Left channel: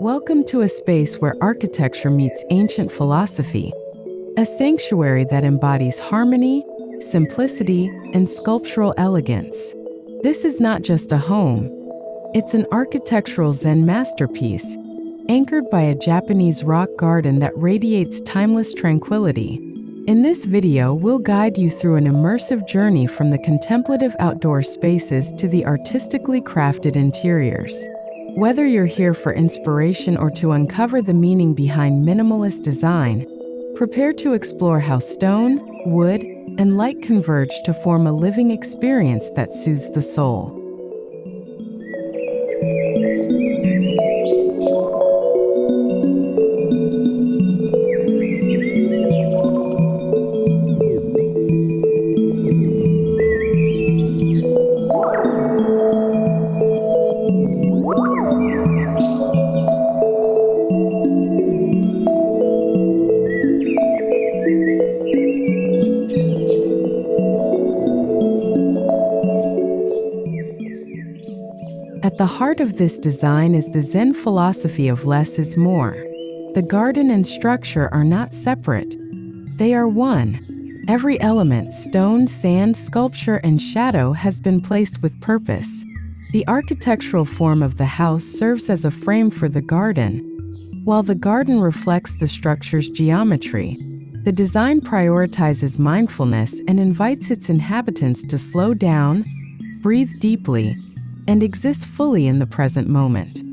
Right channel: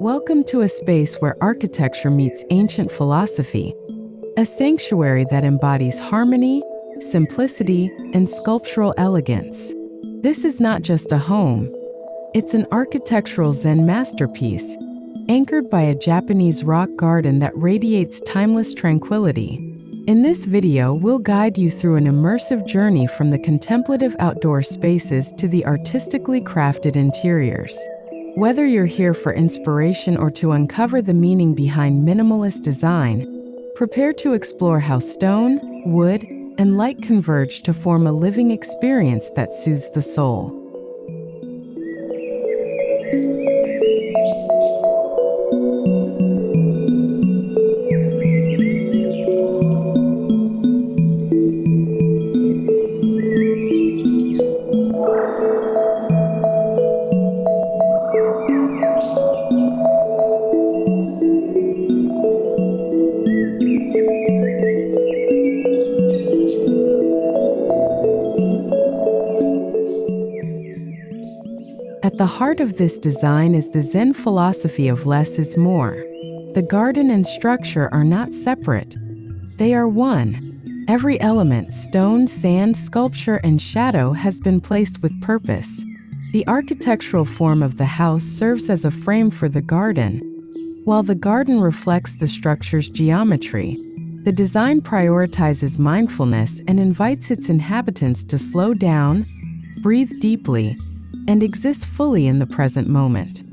Welcome to a space where architecture meets ancient philosophy, a sanctuary that embodies harmony, simplicity, and sculptural elegance. This is not just a home, it's an architectural Zen masterpiece, anchored by a Japanese rock garden that radiates timeless tranquility. In this video, we'll guide you through an immersive journey from the contemplative outdoor spaces to the artistically crafted interiors. Whether you're here for inspiration or to uncover the meaning behind minimalist design, prepare to explore how stone, wood, and light converge to form a living experience that soothes the soul. At the heart of this design is the Zen philosophy of less is more. The garden and structure are not separate. They are one. Every element, stone, sand, sculpture, and shadow, has been placed with purpose. The architectural form of the house serves as a frame for the garden, while the garden reflects the structure's geometry. The design prioritizes mindfulness and invites its inhabitants to slow down, breathe deeply, and exist fully in the present moment.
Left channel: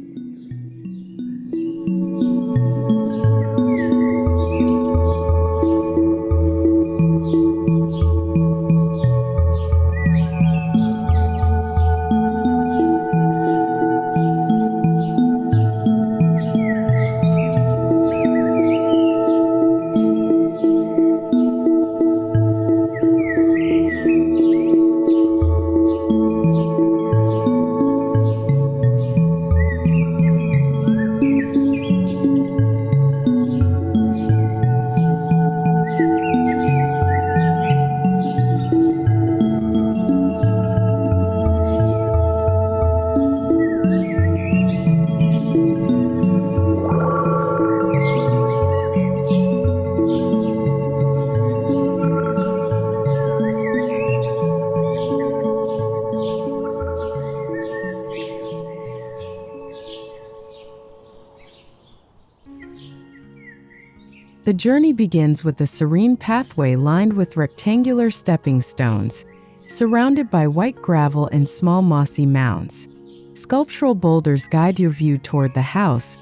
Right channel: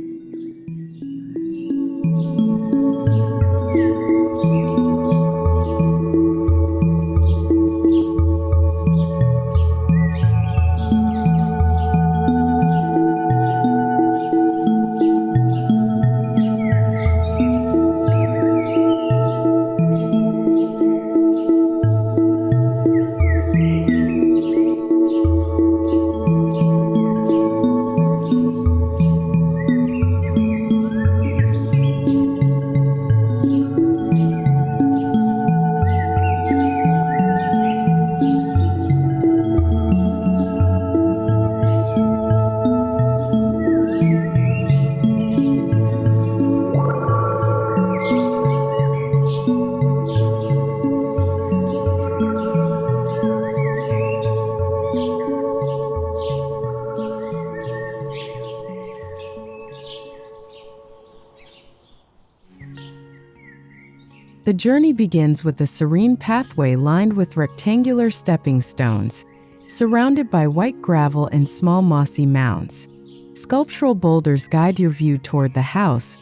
The journey begins with a serene pathway lined with rectangular stepping stones, surrounded by white gravel and small mossy mounds. Sculptural boulders guide your view toward the house,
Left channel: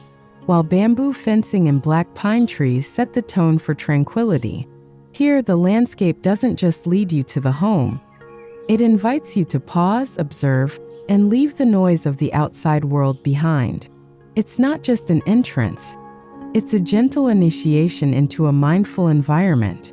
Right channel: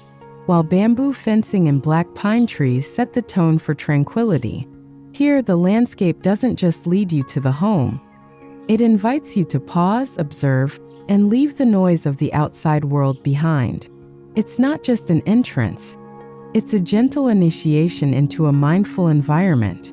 while bamboo fencing and black pine trees set the tone for tranquility. Here, the landscape doesn't just lead you to the home. It invites you to pause, observe, and leave the noise of the outside world behind. It's not just an entrance. It's a gentle initiation into a mindful environment.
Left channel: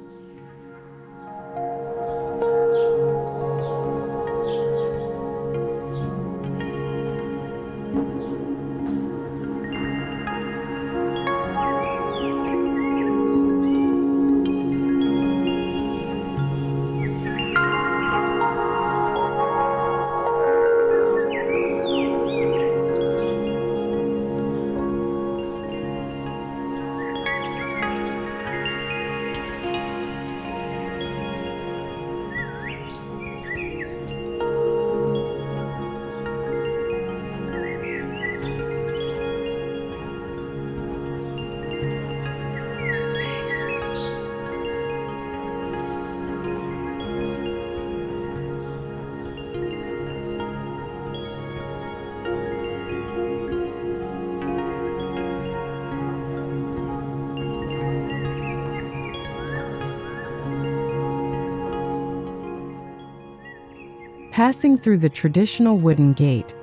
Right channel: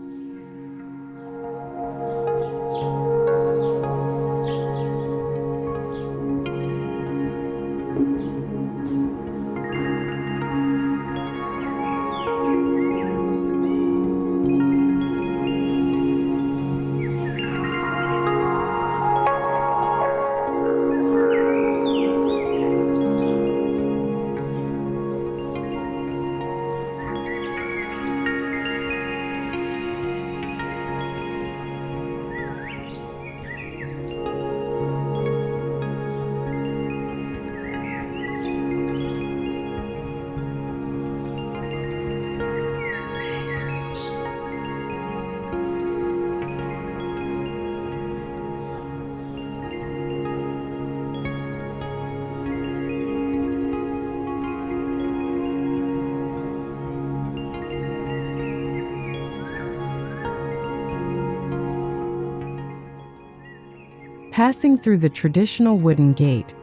Passing through the traditional wooden gate,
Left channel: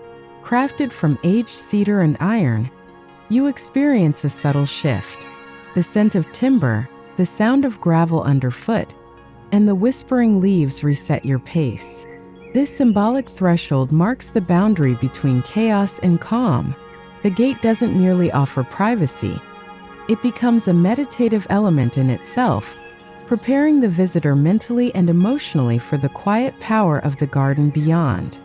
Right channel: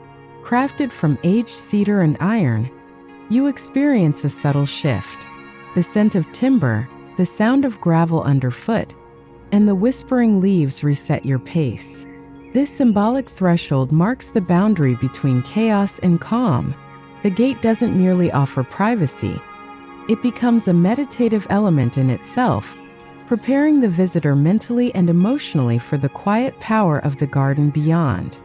crafted from aged cedar and iron, you experience a subtle shift. The scent of timber, the sound of gravel underfoot, and the whispering leaves reset your pace. This symbolic threshold marks the boundary between chaos and calm. The gate doesn't merely offer privacy, it becomes a meditative element in itself, preparing the visitor mentally and emotionally for the quiet power of the garden beyond.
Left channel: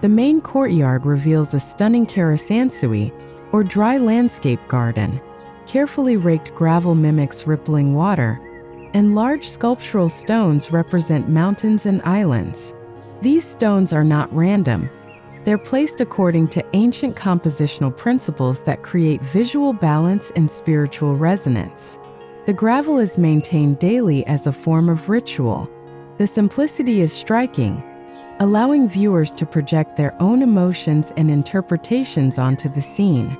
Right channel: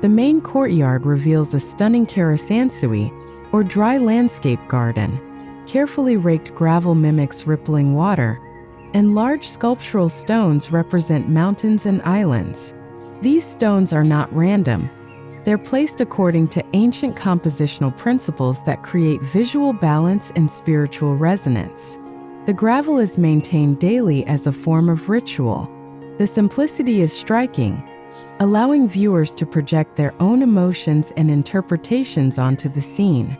The main courtyard reveals a stunning karesansui, or dry landscape garden. Carefully raked gravel mimics rippling water, and large sculptural stones represent mountains and islands. These stones are not random. They're placed according to ancient compositional principles that create visual balance and spiritual resonance. The gravel is maintained daily as a form of ritual. The simplicity is striking, allowing viewers to project their own emotions and interpretations onto the scene.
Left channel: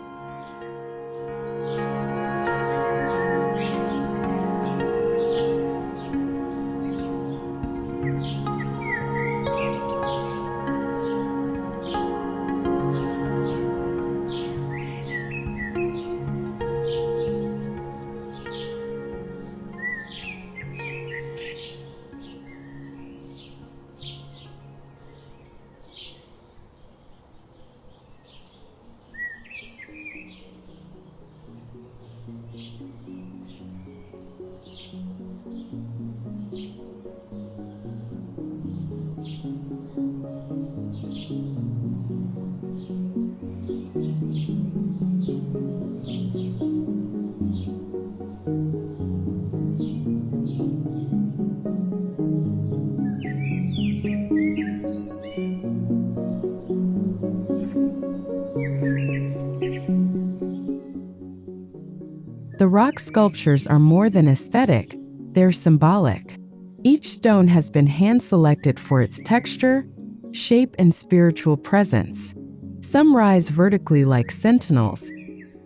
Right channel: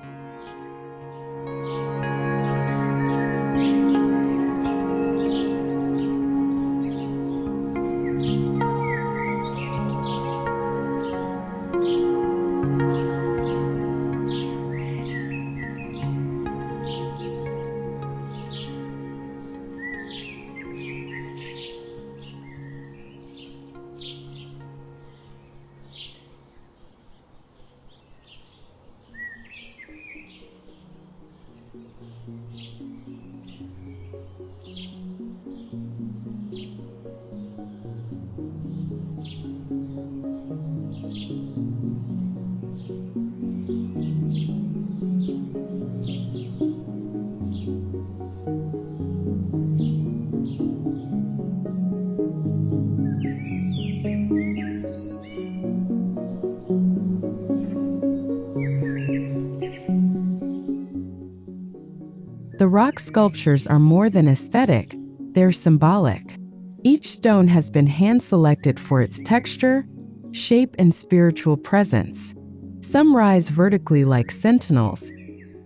The rock sculptures are more than aesthetic, they're symbolic. Each stone has been hand-selected for its texture, shape, and spiritual presence. Some rise vertically like sentinels,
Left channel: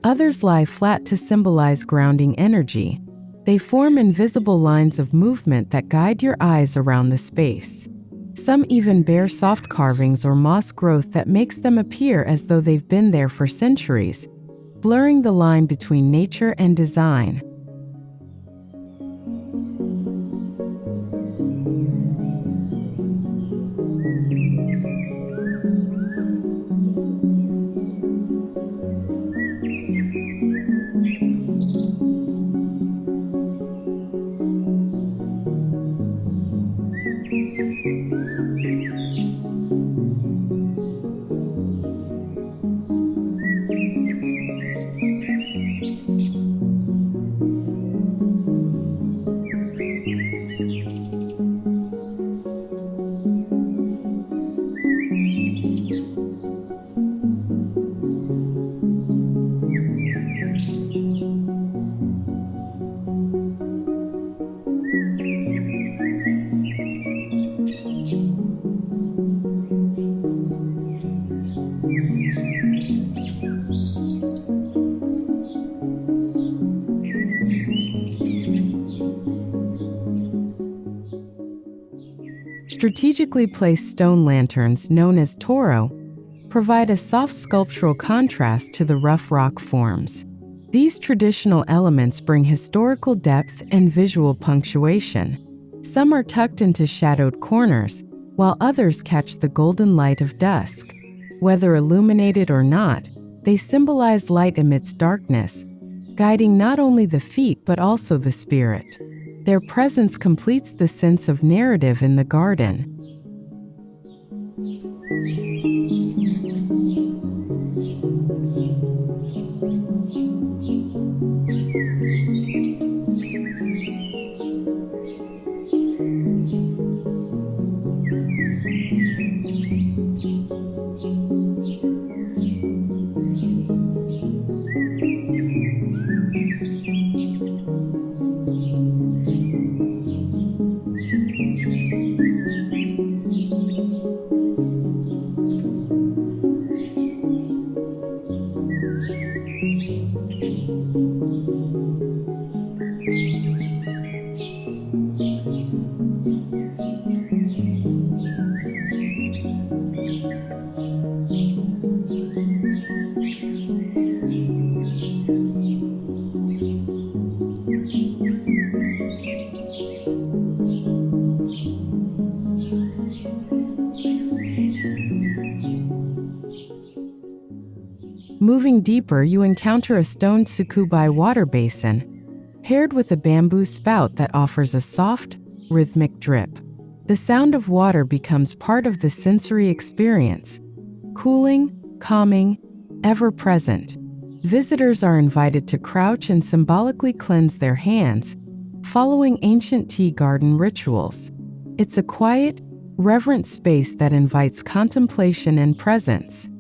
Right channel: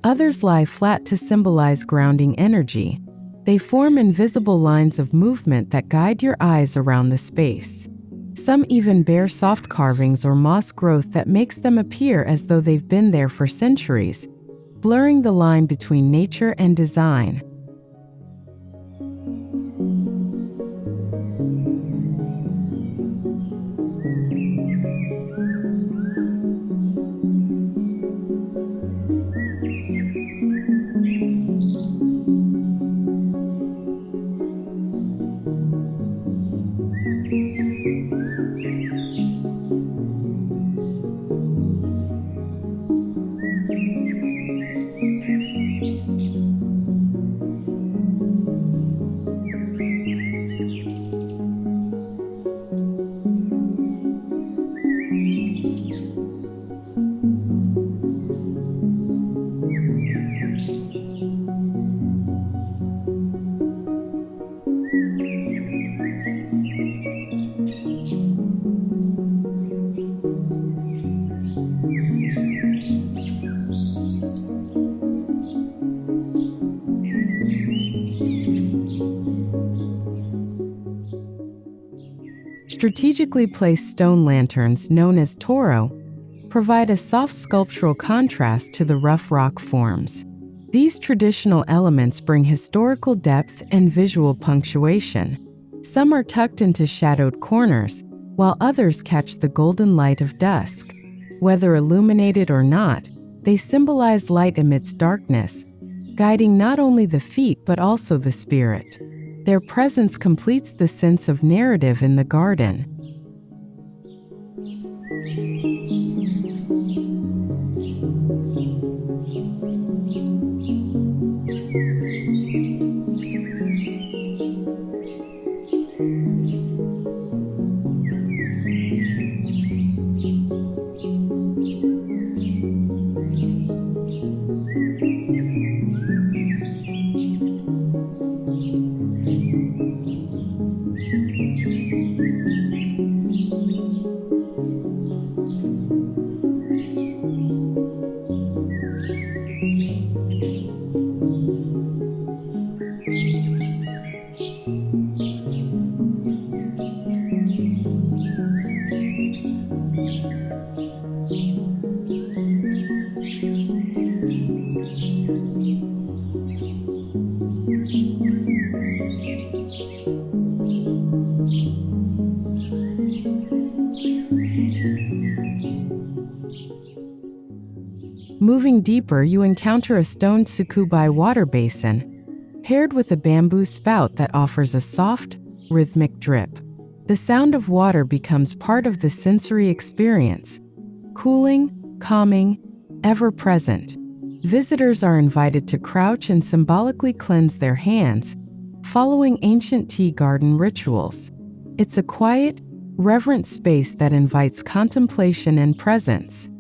others lie flat to symbolize grounding energy. They form invisible lines of movement that guide your eyes around the space. Some even bear soft carvings or moss growth that makes them appear as though they've been there for centuries, blurring the line between nature and design. Strategically placed stone lanterns, known as toro, provide a soft sculptural contrast to the rough rock forms. These traditional elements bring historical depth and visual punctuation. Some are tucked into shadowed corners, while others catch the golden light of dusk. Whether illuminated or not, they symbolize light amidst darkness, guiding not only the feet but also the spirit. Their presence completes the sense of narrative in the garden. Moving deeper, you encounter a stone tsukubai water basin, paired with a bamboo spout that offers a soft, rhythmic drip. The sound of water becomes part of the sensory experience, cooling, calming, ever-present. Visitors are invited to crouch and symbolically cleanse their hands, following ancient tea garden rituals. It's a quiet, reverent space that invites contemplation and presence.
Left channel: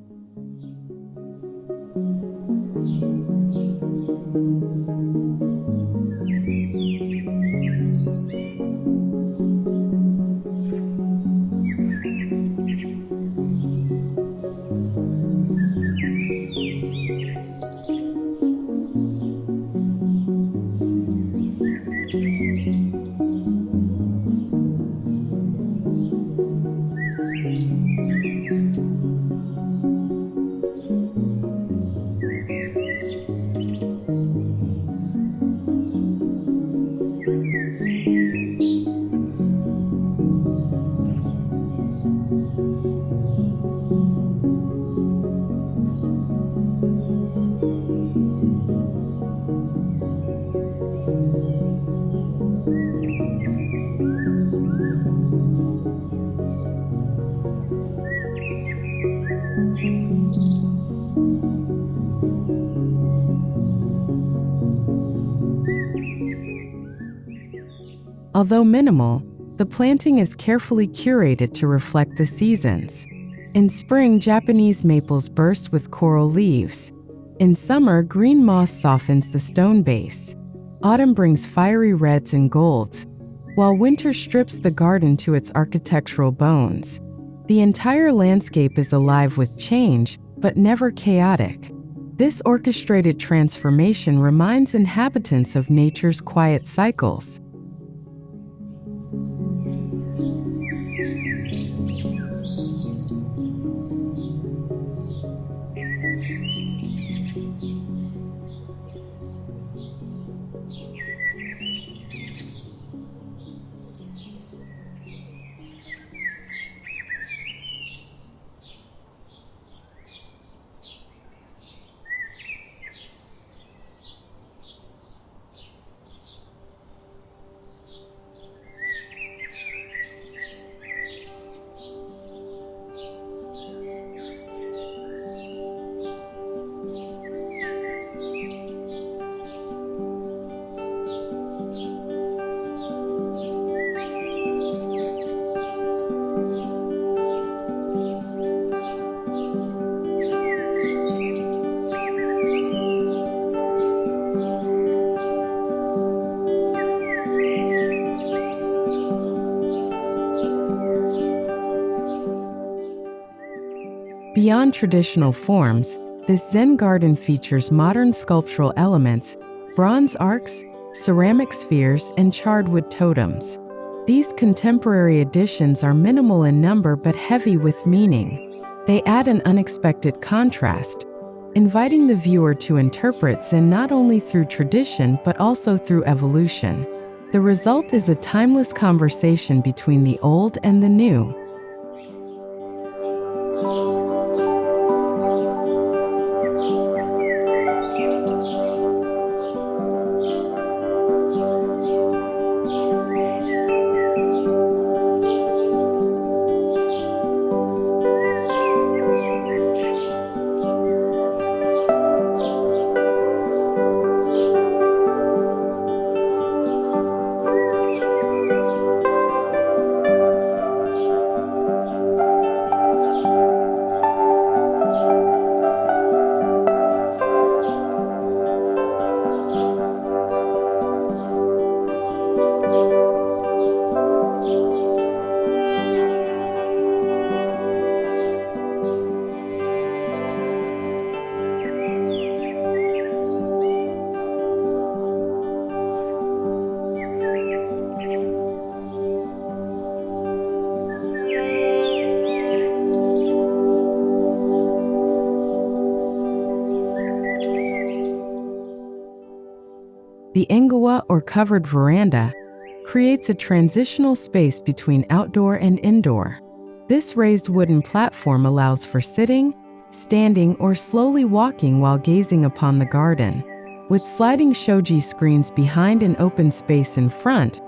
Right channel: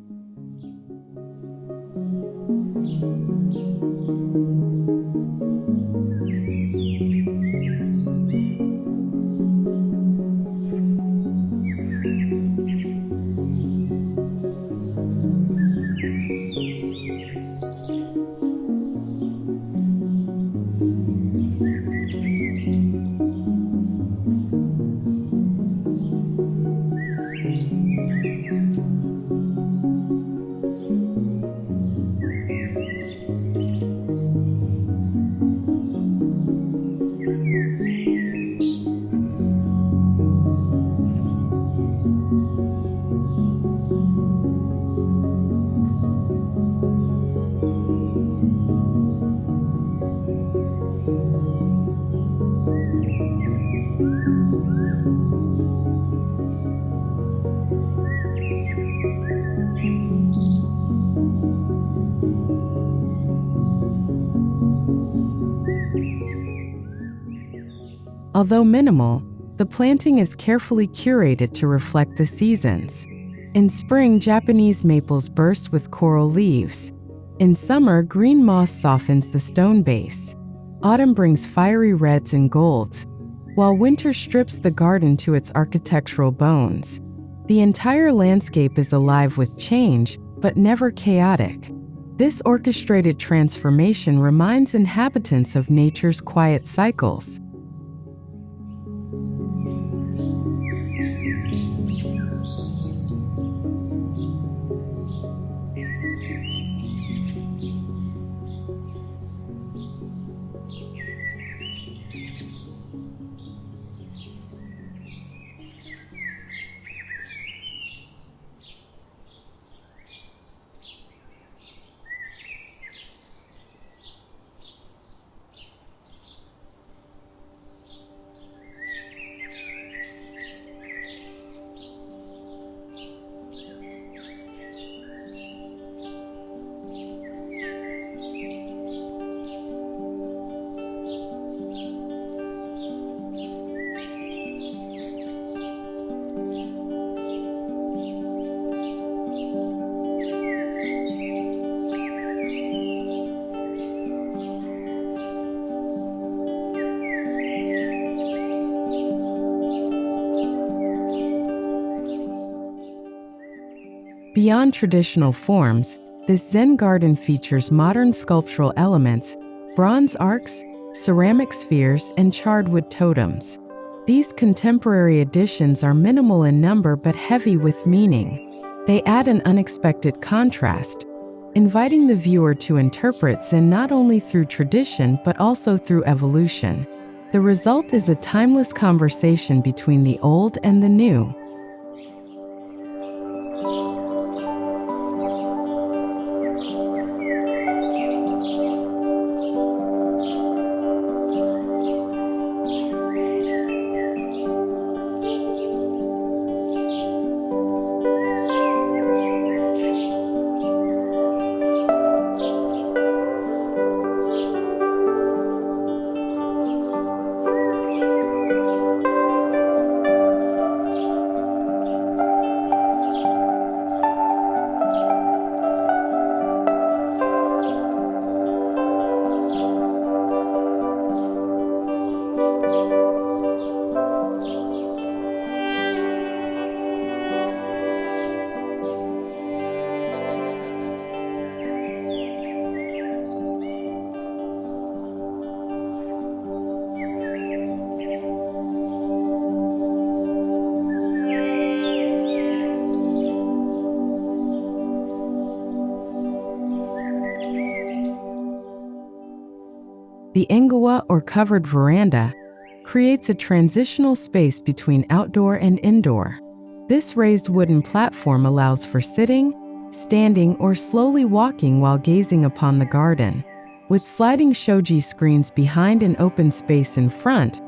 Although minimal, the planting is carefully curated to reflect the seasons. In spring, Japanese maples burst with coral leaves. In summer, green moss softens the stone base. Autumn brings fiery reds and golds, while winter strips the garden to its architectural bones. The entire landscape is alive with change, but never chaotic. This orchestrated transformation reminds inhabitants of nature's quiet cycles. Beyond traditional forms, this Zen garden features modern sculptural elements, bronze arcs, ceramic spheres, and charred wood totems. These contemporary additions are minimal in number but heavy with meaning. They add an unexpected contrast, inviting the viewer to interpret Zen not only through tradition but also through evolution. The result is a timeless conversation between the old and the new. The engawa, or covered veranda, creates a transitional space between outdoor and indoor. This raised wooden platform allows for sitting, standing, or slowly walking while gazing upon the garden. With sliding shoji screens behind and open space in front,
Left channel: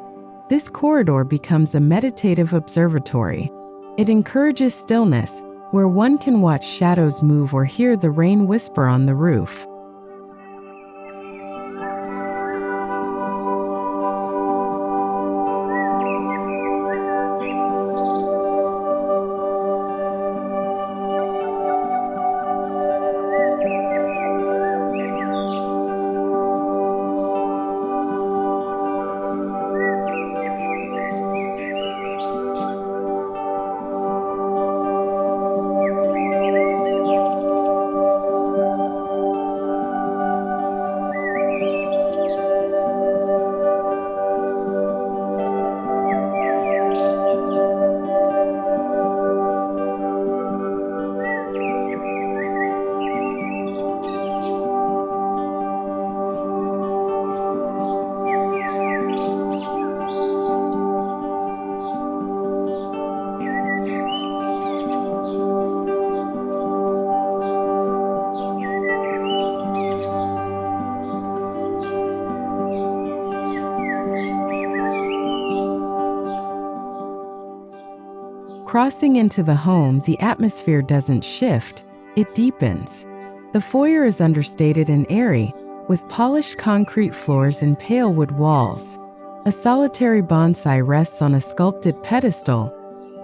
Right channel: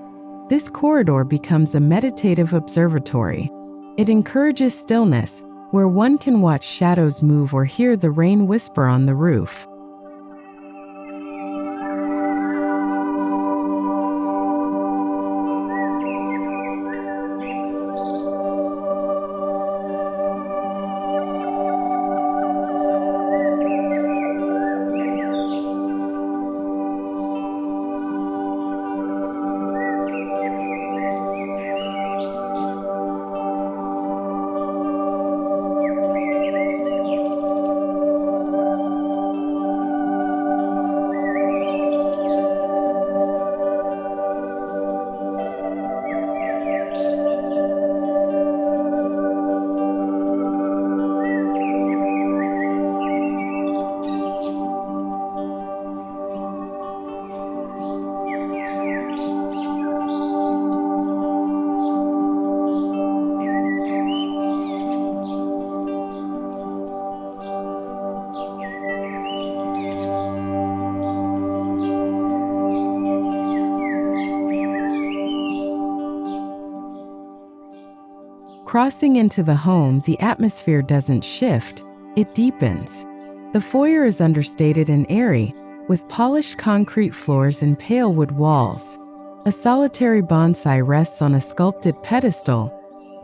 this corridor becomes a meditative observatory. It encourages stillness, where one can watch shadows move or hear the rain whisper on the roof. Crossing into the home, the atmosphere doesn't shift, it deepens. The foyer is understated and airy, with polished concrete floors and pale wood walls. A solitary bonsai rests on a sculpted pedestal,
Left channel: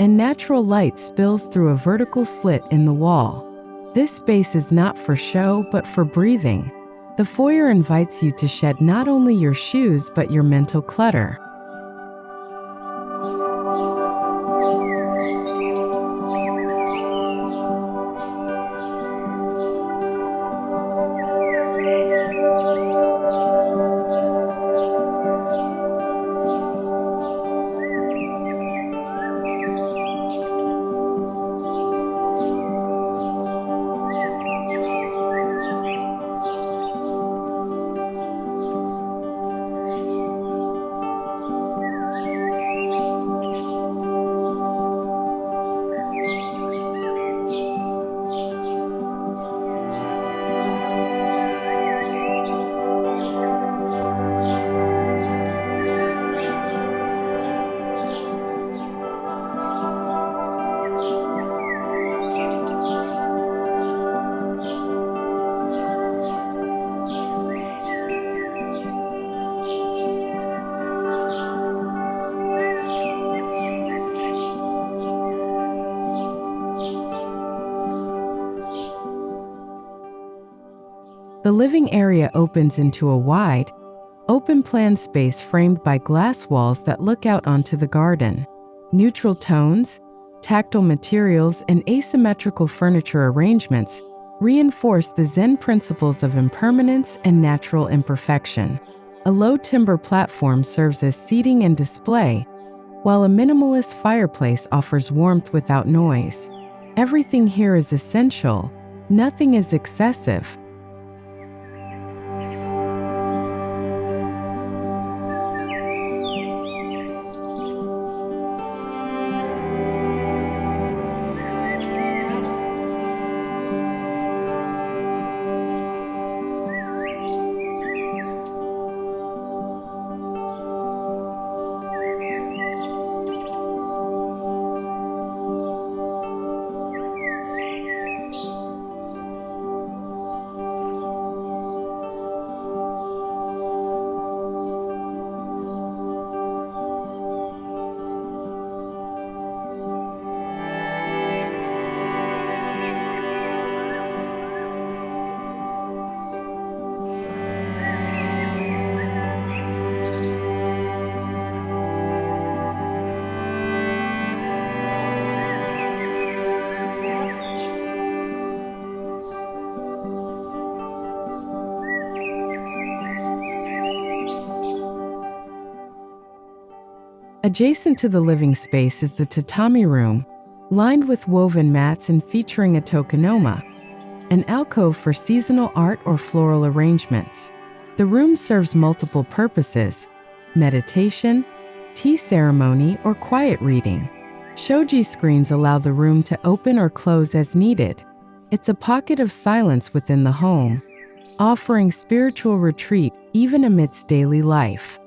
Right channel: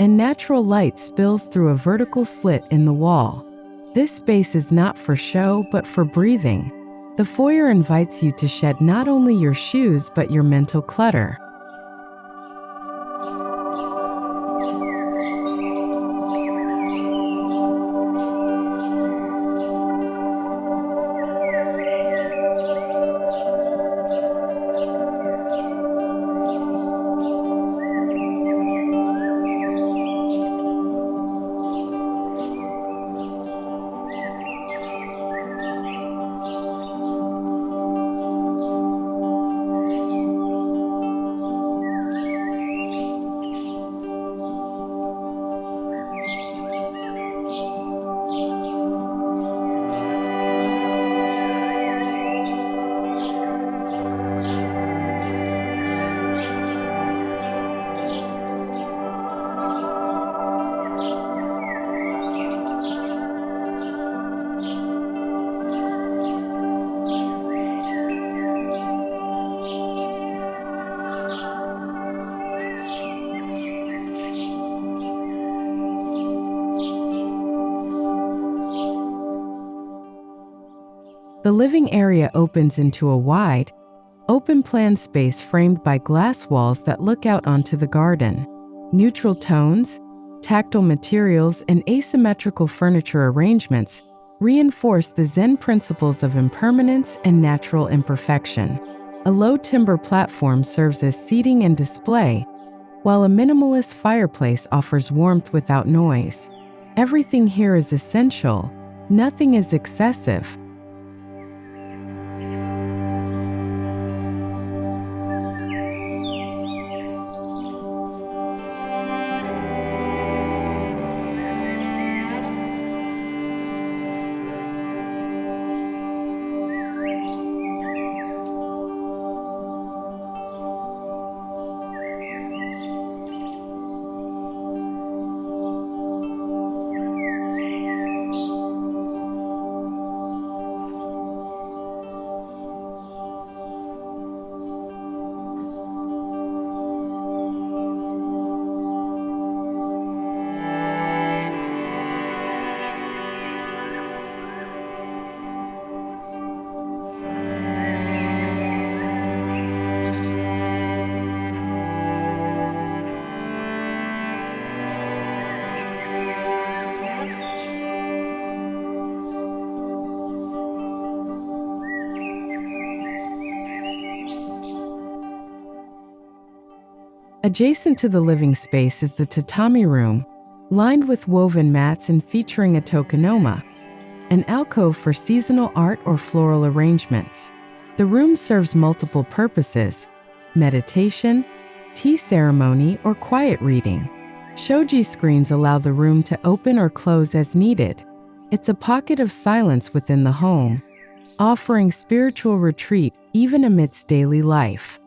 and natural light spills through a vertical slit in the wall. This space is not for show, but for breathing. The foyer invites you to shed not only your shoes, but your mental clutter. The living area opens into a wide, open-plan space framed by glass walls that look out onto the garden. Neutral tones, tactile materials, and asymmetrical furniture arrangements reinforce the Zen principles of impermanence and natural imperfection. A low timber platform serves as seating and display, while a minimalist fireplace offers warmth without noise. Everything here is essential, nothing is excessive. Adjacent to the living space is the tatami room, lined with woven mats and featuring a tokonoma, an alcove for seasonal art or floral arrangements. The room serves multiple purposes: meditation, tea ceremony, or quiet reading. Shoji screens allow the room to open or close as needed. It's a pocket of silence within the home, offering spiritual retreat even amidst daily life.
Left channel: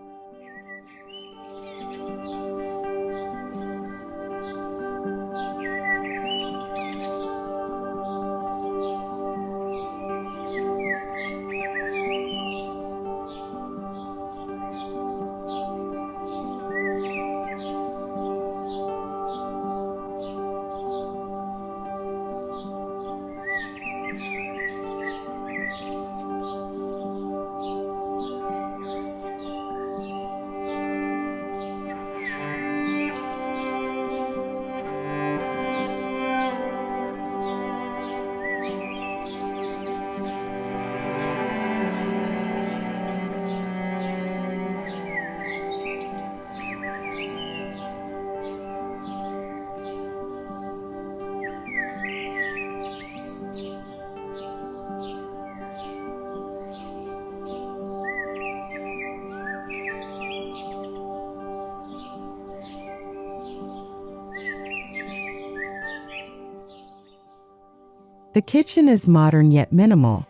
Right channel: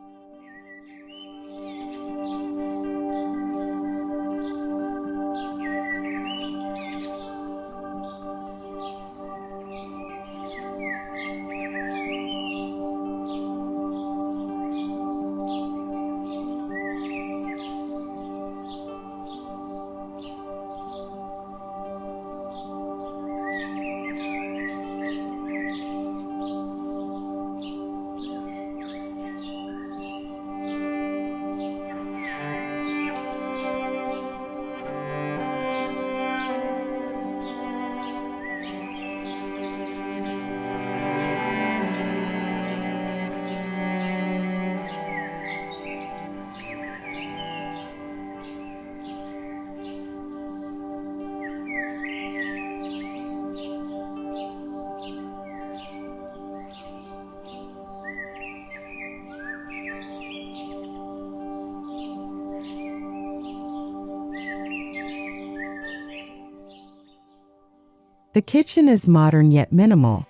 The kitchen is modern yet minimal,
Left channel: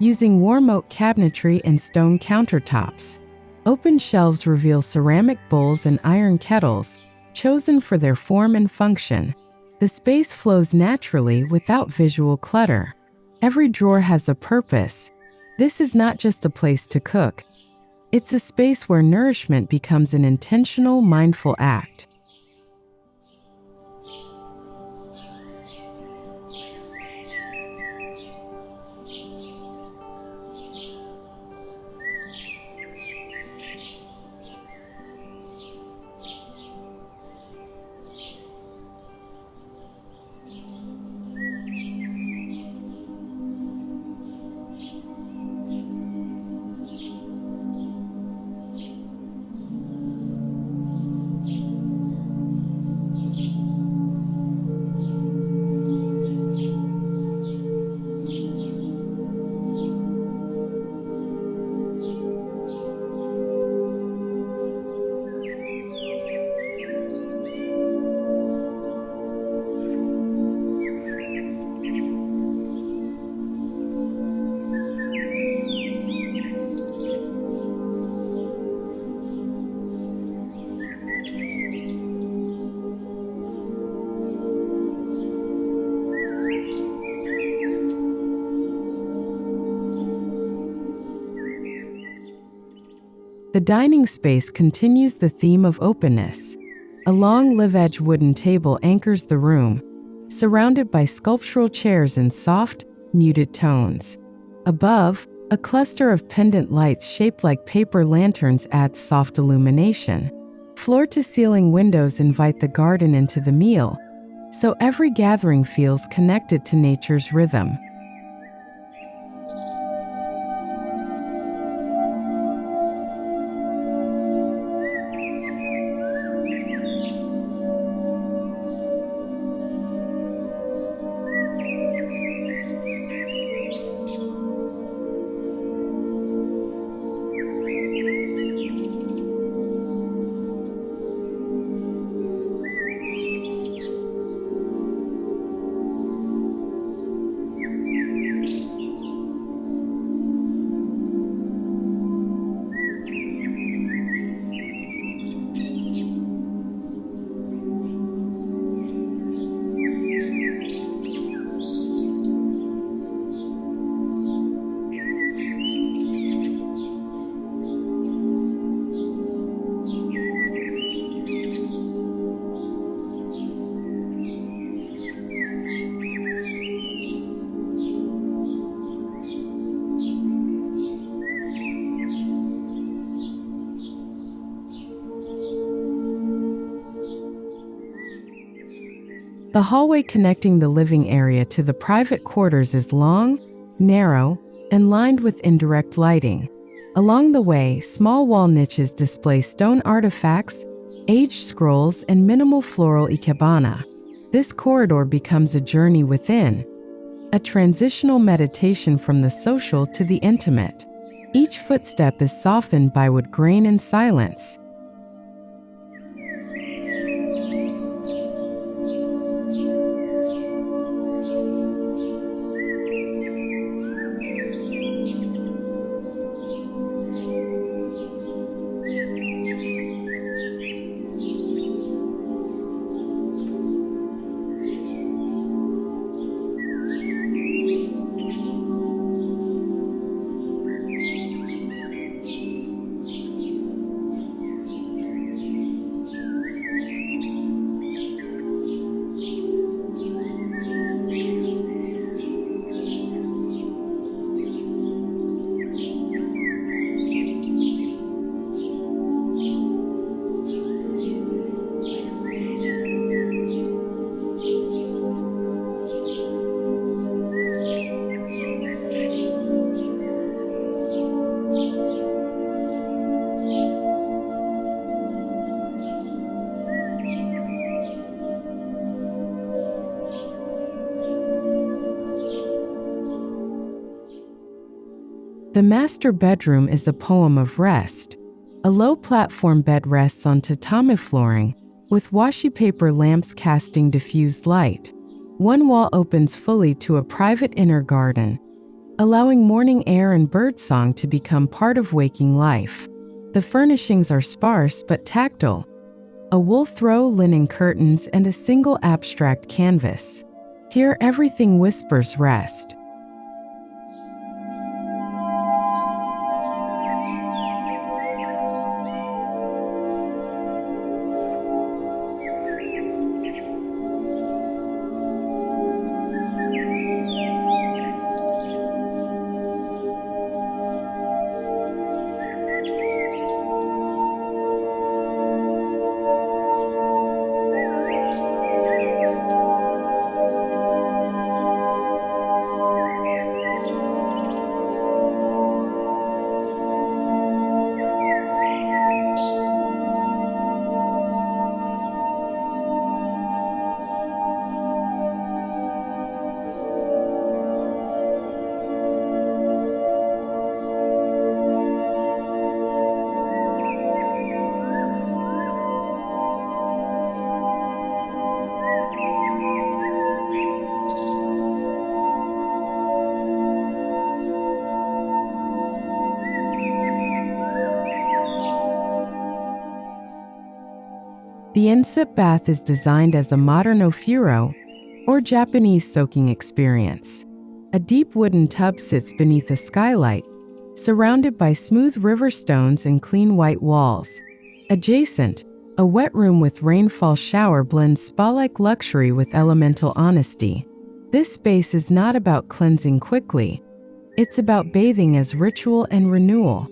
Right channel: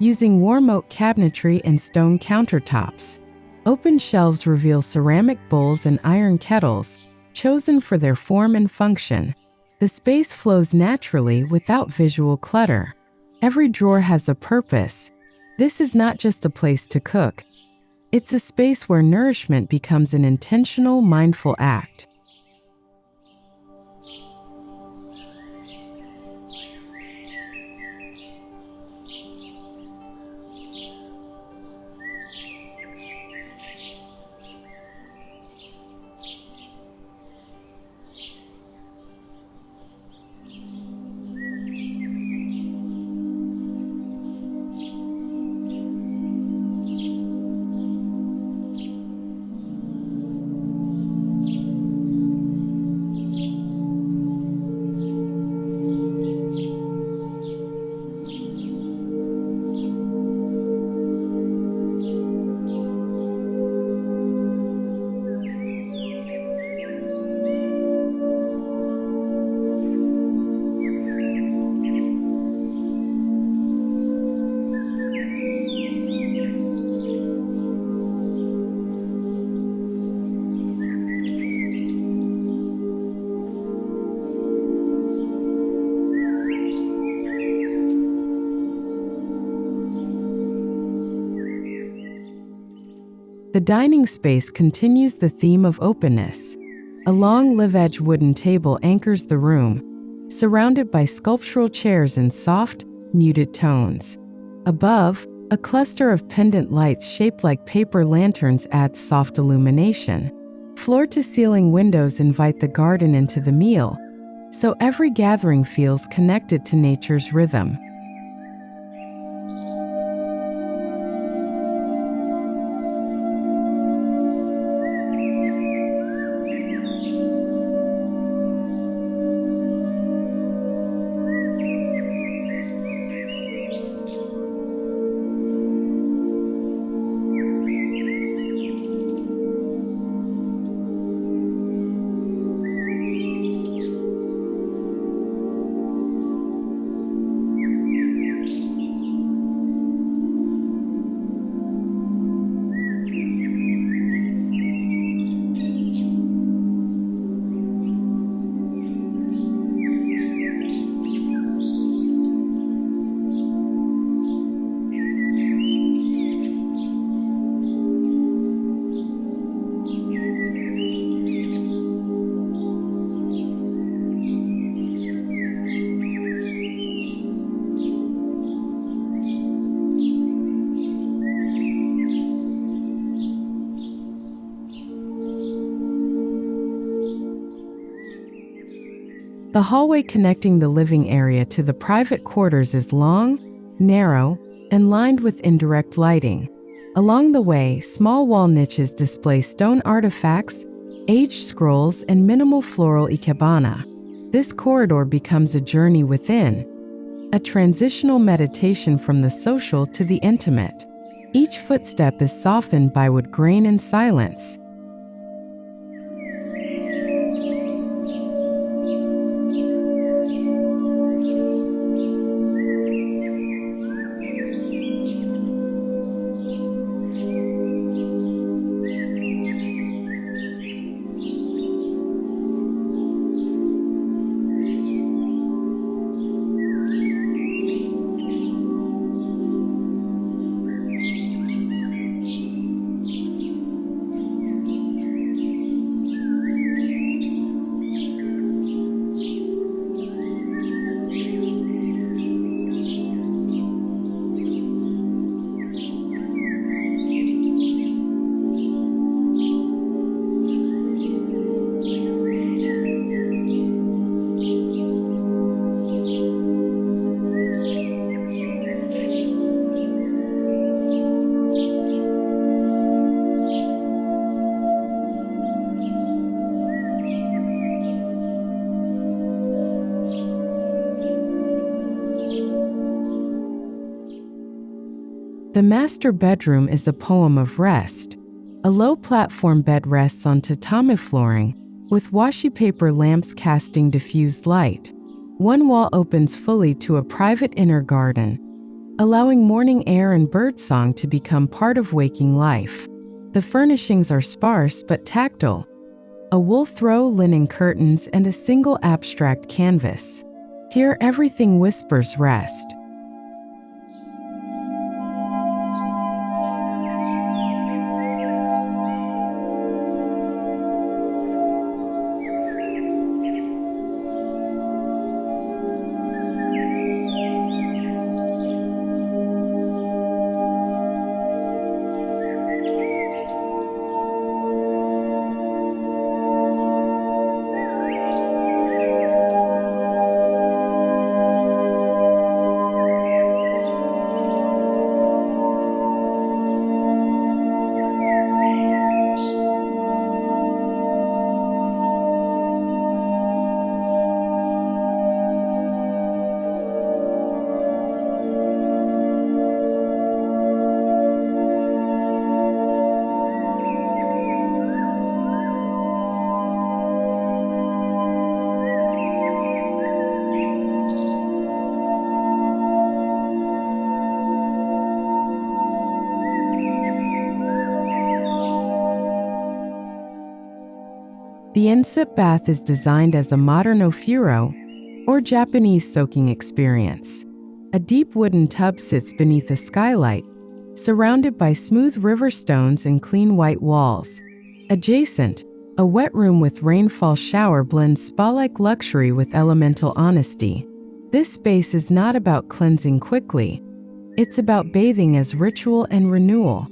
using warm oak cabinetry and stone countertops. Open shelves reveal ceramic bowls and iron kettles, chosen for their form and function. The space flows naturally without visual clutter. Every drawer has a purpose. This is not just a place to cook. It's a space where nourishment becomes an intentional, mindful act. The dining space continues the theme of openness. A long live-edge wooden table anchors the room, surrounded by sculptural chairs in soft, muted tones. Above, a cluster of pendant lights shaped like paper lanterns adds soft illumination. Floor-to-ceiling windows invite the garden into the meal, so every gathering feels connected to nature's rhythm. The hallway connecting the living area to the private quarters is long, narrow, and lined with indirect lighting. Along the way, small wall niches display stone artifacts, aged scrolls, and minimal floral ikebana. This corridor becomes a journey within, a transitional meditation from the social to the intimate. Each footstep is softened by wood grain and silence. The master bedroom is a poem of rest. A low platform bed rests on tatami flooring, with washi paper lamps casting diffused light. One wall opens fully to a private inner garden, allowing morning air and birdsong to become part of waking life. The furnishings are sparse but tactile: a wool throw, linen curtains, and a single abstract canvas. Here everything whispers rest. The Ensuite bath is designed as a modern ofuro, or Japanese soaking experience. A deep wooden tub sits beneath a skylight, surrounded by smooth river stones and clean white walls. Adjacent, a wet room with rainfall shower blends spa-like luxury with elemental honesty. This space is not about cleansing quickly. It's about bathing as ritual and renewal.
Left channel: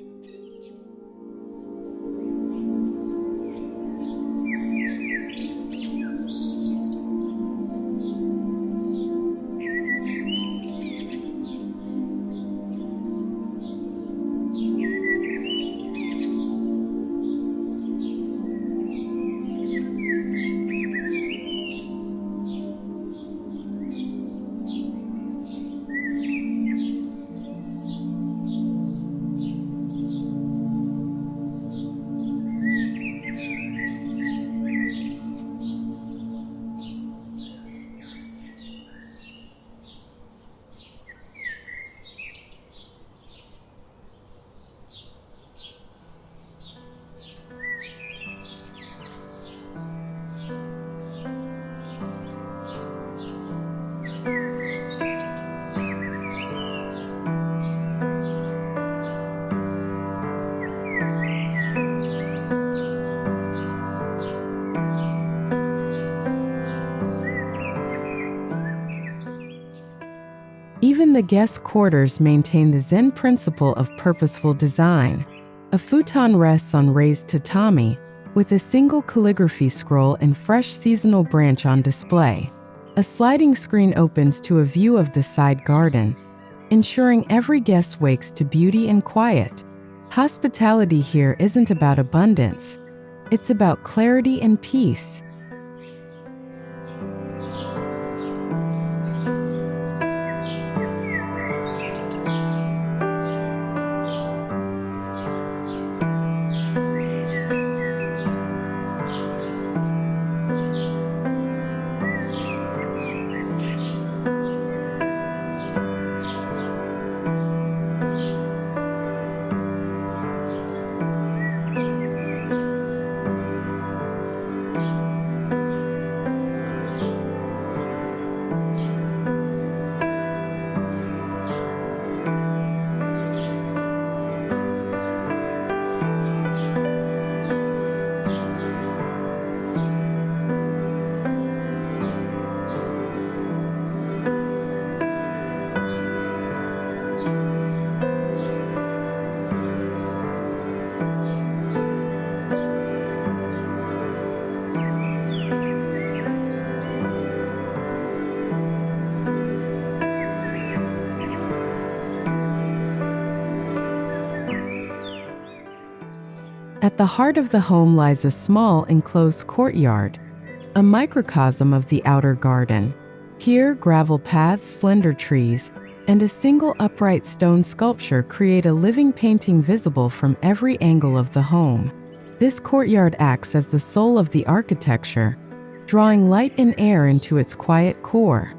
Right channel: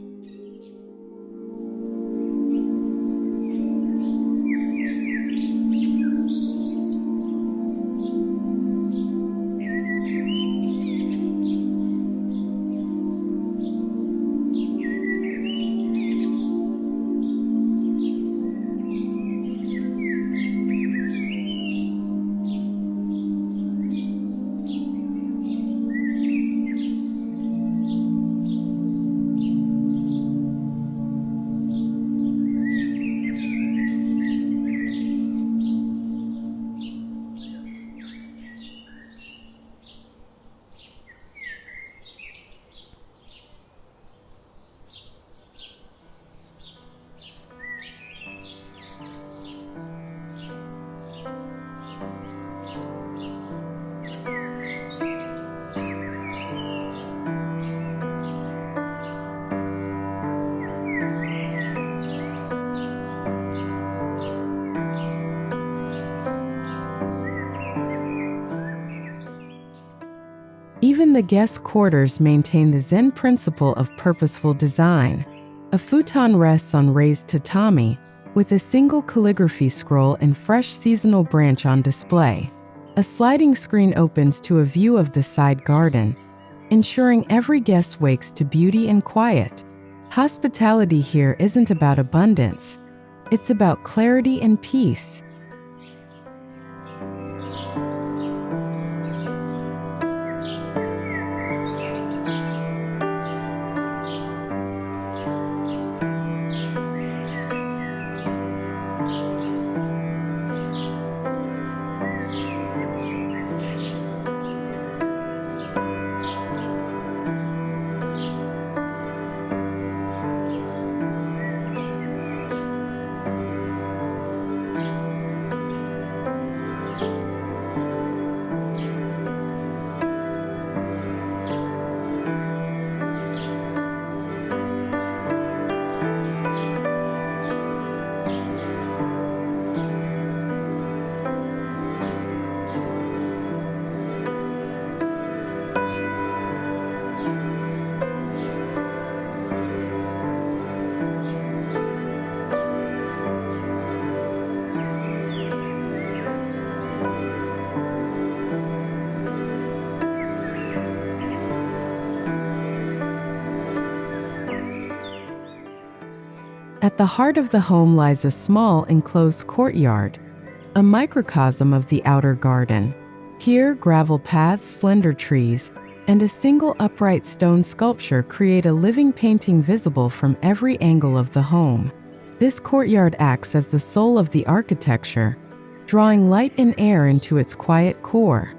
Even the guest quarters maintain the Zen principle of purposeful design. A futon rests on raised tatami, with a single calligraphy scroll and fresh seasonal branch on display. A sliding screen opens to a view of the side garden, ensuring every guest wakes to beauty and quiet. Hospitality here isn't about abundance. It's about clarity and peace. At the heart of the home lies a small, enclosed courtyard, a microcosm of the outer garden. Here, gravel paths, slender trees, and a single upright stone sculpture create a living painting visible from every angle of the home. This courtyard acts as the soul of the architecture, drawing light and air into its quiet core.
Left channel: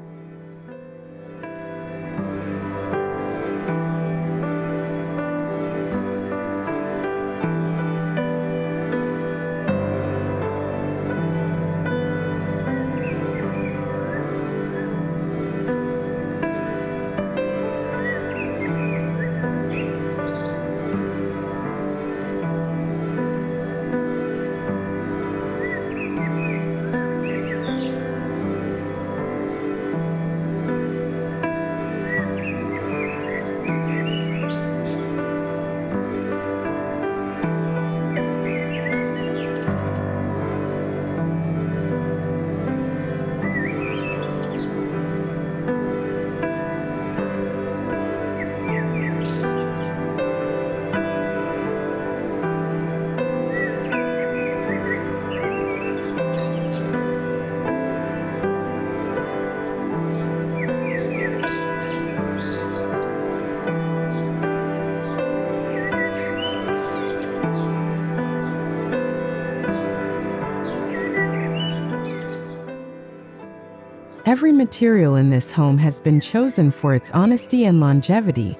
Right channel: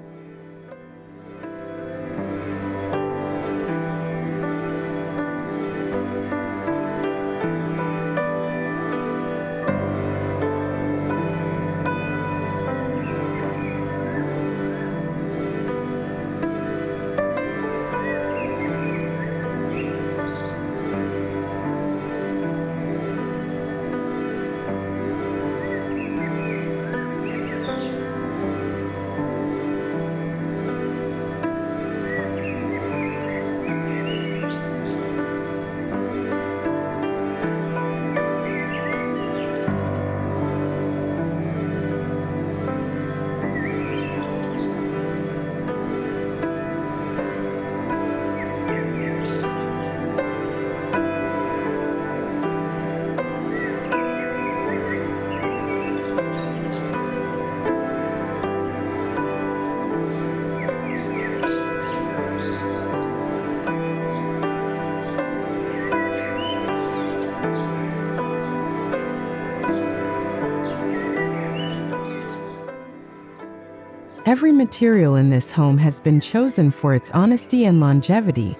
Every material in this home has been chosen for its honesty and longevity.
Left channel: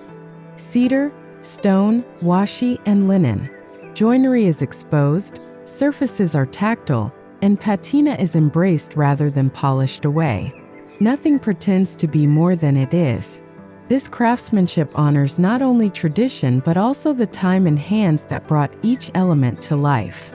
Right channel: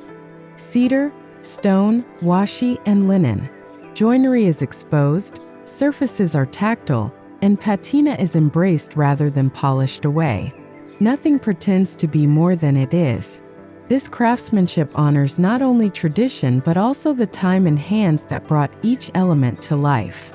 Cedar, stone, washi, and linen. Joinery is exposed, surfaces are tactile, and patina is embraced rather than polished away. Nothing pretends to be more than it is. This craftsmanship honors not only tradition but also the time and hands that brought each element to life.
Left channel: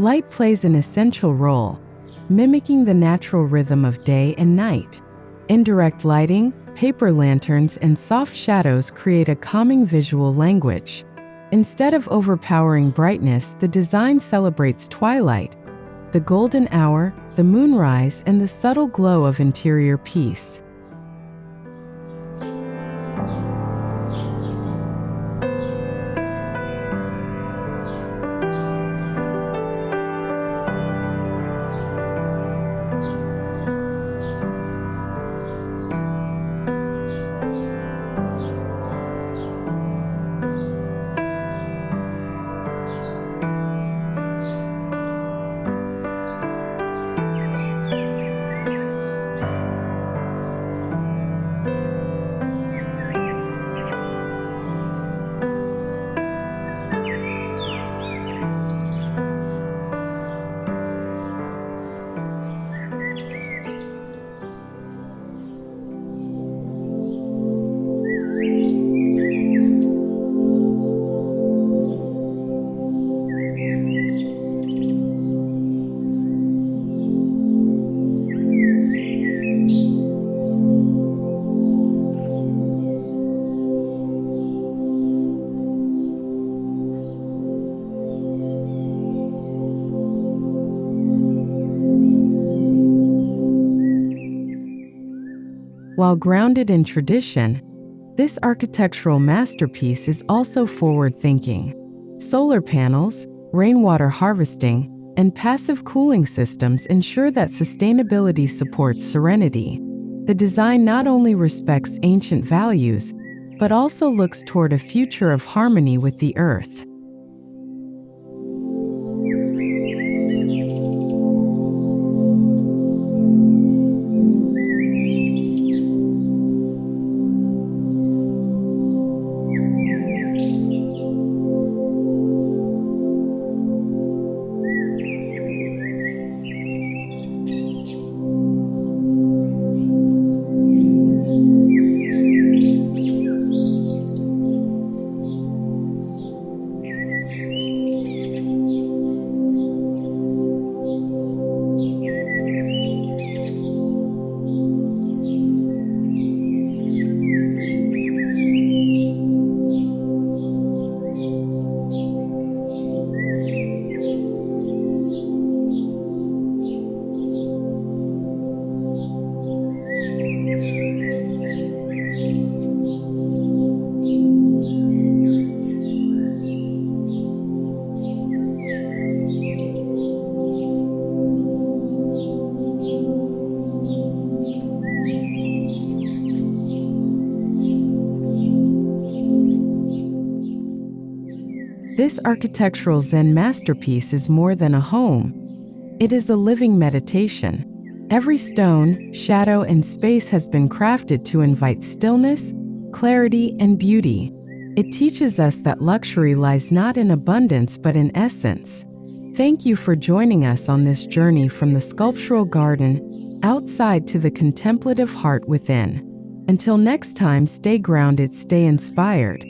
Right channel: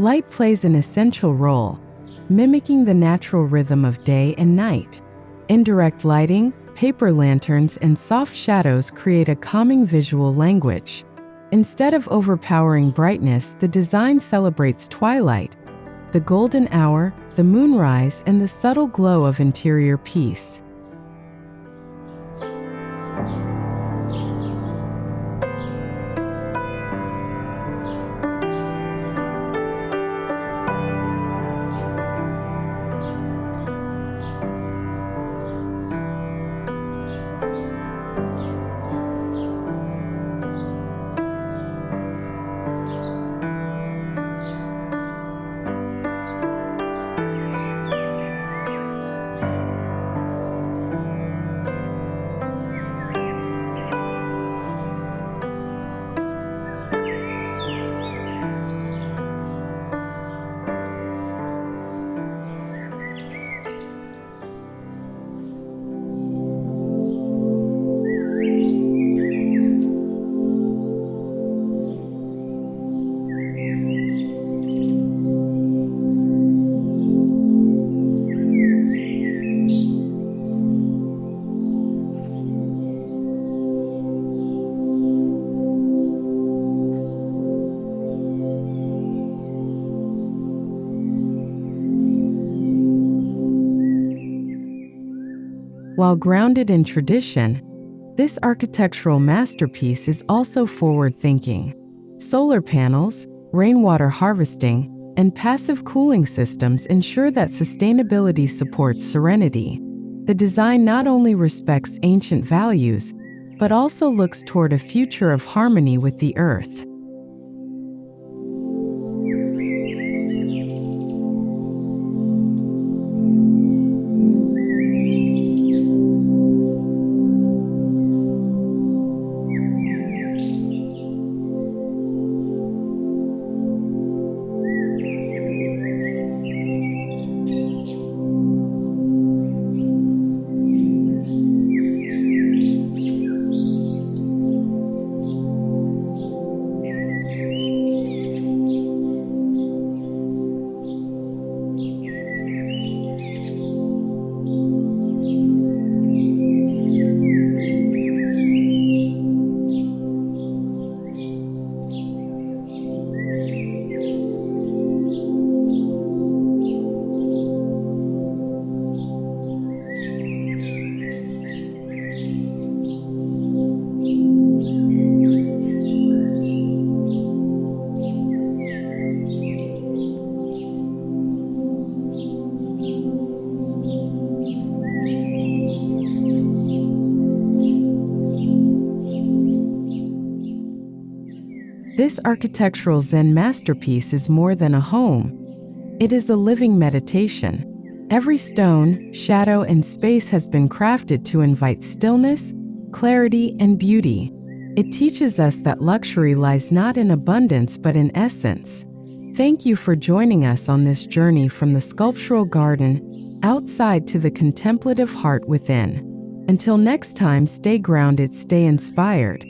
Light plays an essential role, mimicking the natural rhythm of day and night. Indirect lighting, paper lanterns, and soft shadows create a calming visual language. Instead of overpowering brightness, the design celebrates twilight, the golden hour, the moonrise, and the subtle glow of interior peace. While grounded in tradition, this architectural masterpiece is also forward-thinking. Solar panels, rainwater harvesting, and passive cooling systems ensure that sustainability supports serenity. The design not only respects ancient values, but also looks toward a future of harmony with the earth. This architectural Zen masterpiece is more than a home. It is a living meditation. Every stone, shadow, and space has been crafted to invite stillness, clarity, and beauty. It teaches us that luxury lies not in abundance but in essence. Thank you for joining us on this journey from the sculptural garden outside to the contemplative heart within. Until next time, stay grounded, stay inspired,